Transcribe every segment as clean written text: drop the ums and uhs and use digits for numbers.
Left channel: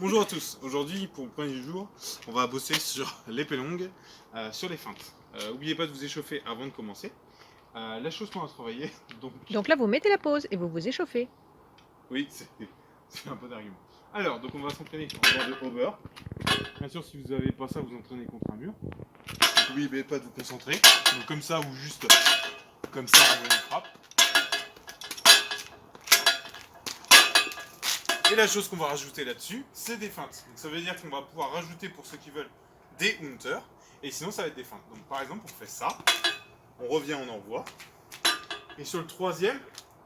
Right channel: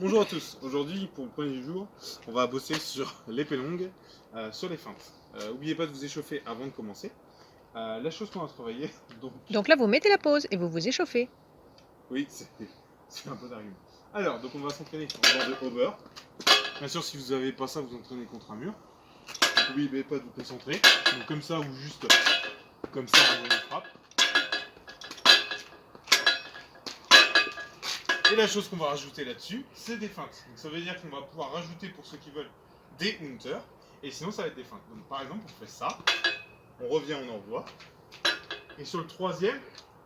Bonjour à tous, aujourd'hui pour le premier jour, on va bosser sur l'épée longue, sur les feintes. N'oubliez pas de vous échauffer avant de commencer. La chose qu'on va travailler, donc Donc là, vous mettez la pause et vous vous échauffez. oui, c'est un peu d'argument. Alors, donc on va s'entraîner en bord de hover. Bien sûr, si vous n'avez pas ça, vous entraînez contre un mur. Donc n'oubliez pas de vous concentrer. Donc comme ça ou juste comme ça, on envoie une frappe. Et la chose qu'on va rajouter là-dessus, c'est des feintes. Donc ça veut dire qu'on va pouvoir rajouter pour ceux qui veulent des hunters, et sinon ça va être des feintes. Donc par exemple, on fait ça, on revient, on envoie, et sur le troisième,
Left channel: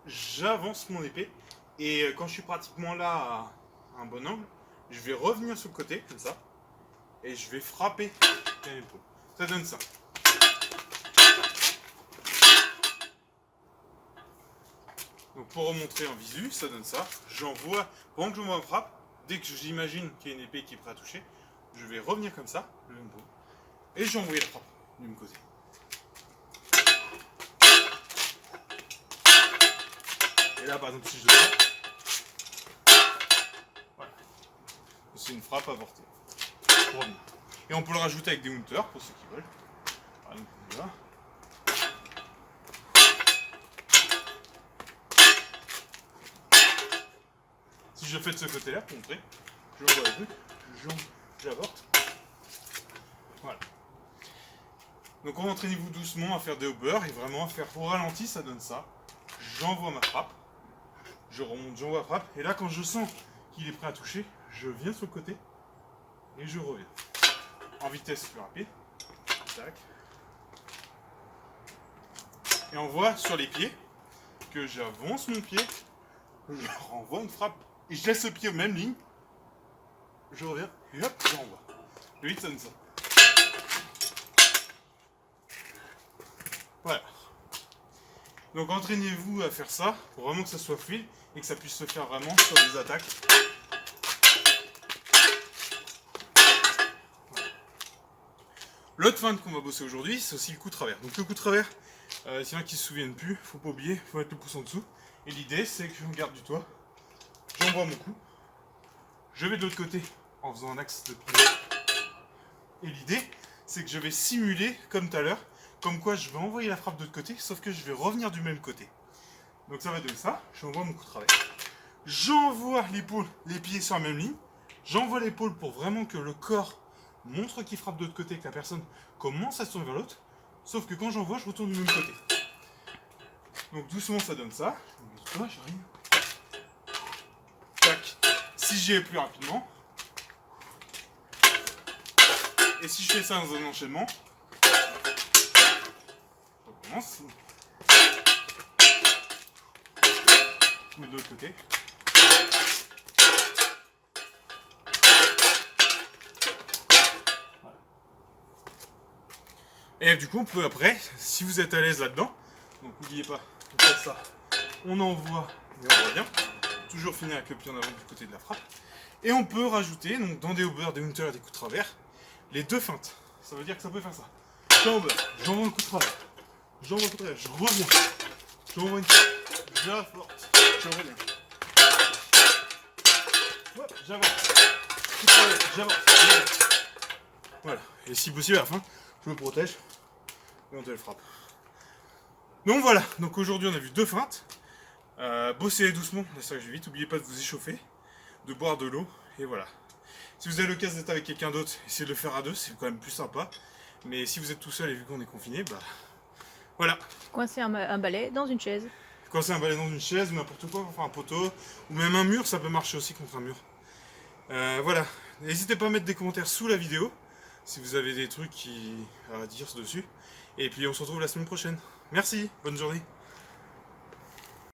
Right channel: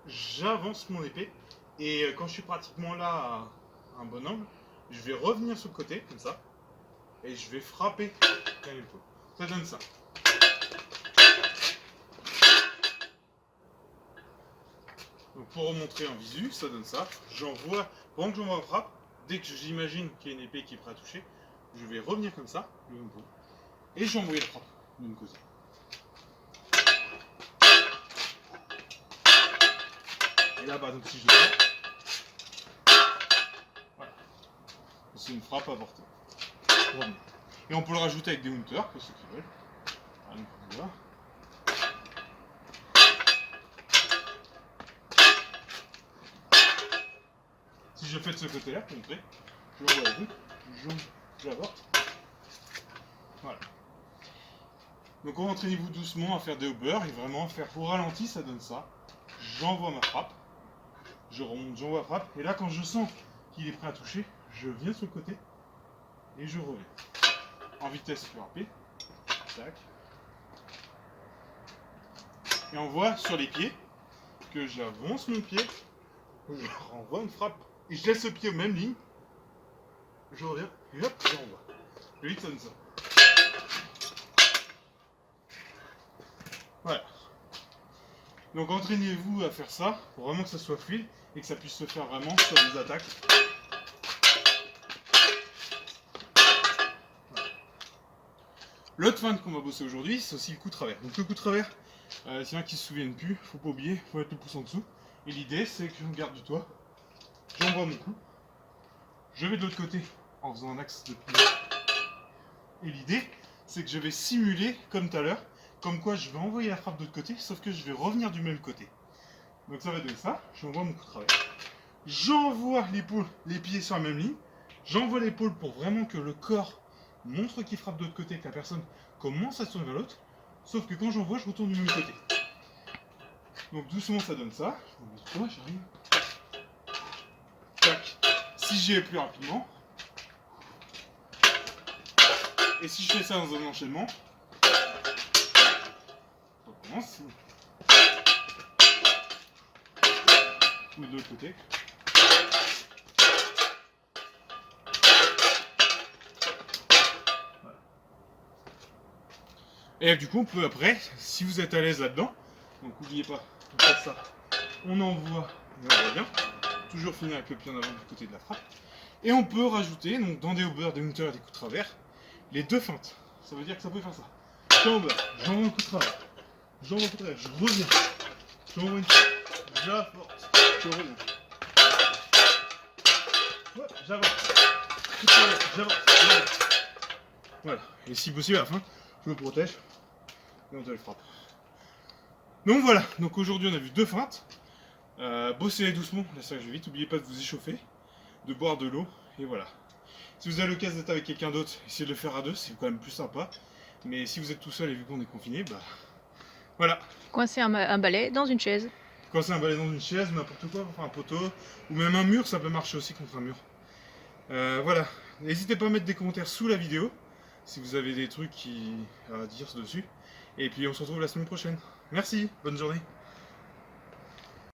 j'avance mon épée, et quand je suis pratiquement là à un bon angle, je vais revenir sur le côté, comme ça, et je vais frapper bien l'épaule. Ça donne ça. Donc pour remontrer en visu, ça donne ça. J'envoie, pendant que j'envoie ma frappe, dès que j'imagine qu'il y a une épée qui est prête à toucher, je vais revenir comme ça, et j'ai envoyé la frappe du même côté. Et là par exemple si je le fais, voilà, c'est une frappe avortée. Pour revenir. Et on peut le rajouter avec des hunters pour ceux qui veulent. Par exemple, voilà. Si je fais de ce côté-là, pour montrer, je vois le truc, j'avorte. Voilà. Donc entraînez-vous doucement à faire des hovers et vraiment à faire au ralenti, ça donne ça. J'envoie ma frappe, je remonte, j'envoie la frappe, et là quand je sens qu'il est prêt à toucher, je viens sur le côté et je reviens. En vitesse plus rapide. Tac. Et on voit sur les pieds que j'avance mon pied, je renvoie une frappe, et je laisse le pied aux mêmes lignes, je reviens, et hop, je renvoie. Le 8 sonne ça. Voilà. Donc entraînez-vous à faire ça, pour vraiment que ça soit fluide, et que ça puisse se faire vraiment sur des attaques. Voilà. L'autre feinte qu'on va bosser aujourd'hui, c'est aussi le coup de travers. Donc le coup de travers, s'il y en a qui se souviennent plus, faut pas oublier, faut mettre le pouce en dessous. Et l'idée, c'est que je garde du toit, j'envoie mon coup, je vais de l'autre côté en faisant un axe de pied. Et l'idée, c'est que je vais simuler, comme tout à l'heure, comme quoi je vais envoyer la frappe de l'autre côté, sauf que je vais revenir du même côté. Donc ça va donner ça, j'envoie mon coup de travers. J'envoie l'épaule, les pieds sur la même ligne, j'envoie l'épaule pour vraiment que le corps montre qu'il frappe de l'autre côté, que la personne commence à se tourner vers l'autre, sauf que quand j'envoie, je retourne du même côté. Donc doucement ça donne ça, je vous montre ça, j'arrive. Tac. Si j'y vais plus rapidement, et si je fais ça dans un enchaînement, on recommence. Ou de l'autre côté. Voilà. Et du coup, on peut après, si vous êtes à l'aise là-dedans, donc n'oubliez pas de faire ça. On envoie et on revient. Toujours finir avec le pied en avant du côté de la frappe. Et on peut rajouter, donc dans des hovers, des hunters et des coups de travers, les deux feintes. Ça veut dire que ça peut faire ça. Je hover, j'envoie un coup de travers. J'envoie un coup de travers, je reviens. J'envoie une frappe. J'apporte, je reviens. Ouais, j'avance. Coup de travers, j'avance. Voilà. Et si possible à la fin, je me protège et on te le frappe. Donc voilà, donc aujourd'hui on a vu deux feintes. Bossez doucement, là ça je vais vite, n'oubliez pas de vous échauffer, de boire de l'eau, et voilà. Si vous avez l'occasion d'être avec quelqu'un d'autre, essayez de le faire à deux, c'est quand même plus sympa. Mais si vous êtes tout seul et vu qu'on est confiné, bah voilà. Coincez un balai dans une chaise. Coincer un balai dans une chaise ou n'importe quoi, enfin un poteau, ou même un mur, ça peut marcher aussi contre un mur. Voilà, n'hésitez pas à mettre des commentaires sous la vidéo, si vous avez des trucs à dire dessus. Et puis on se retrouve la semaine prochaine. Merci, bonne journée.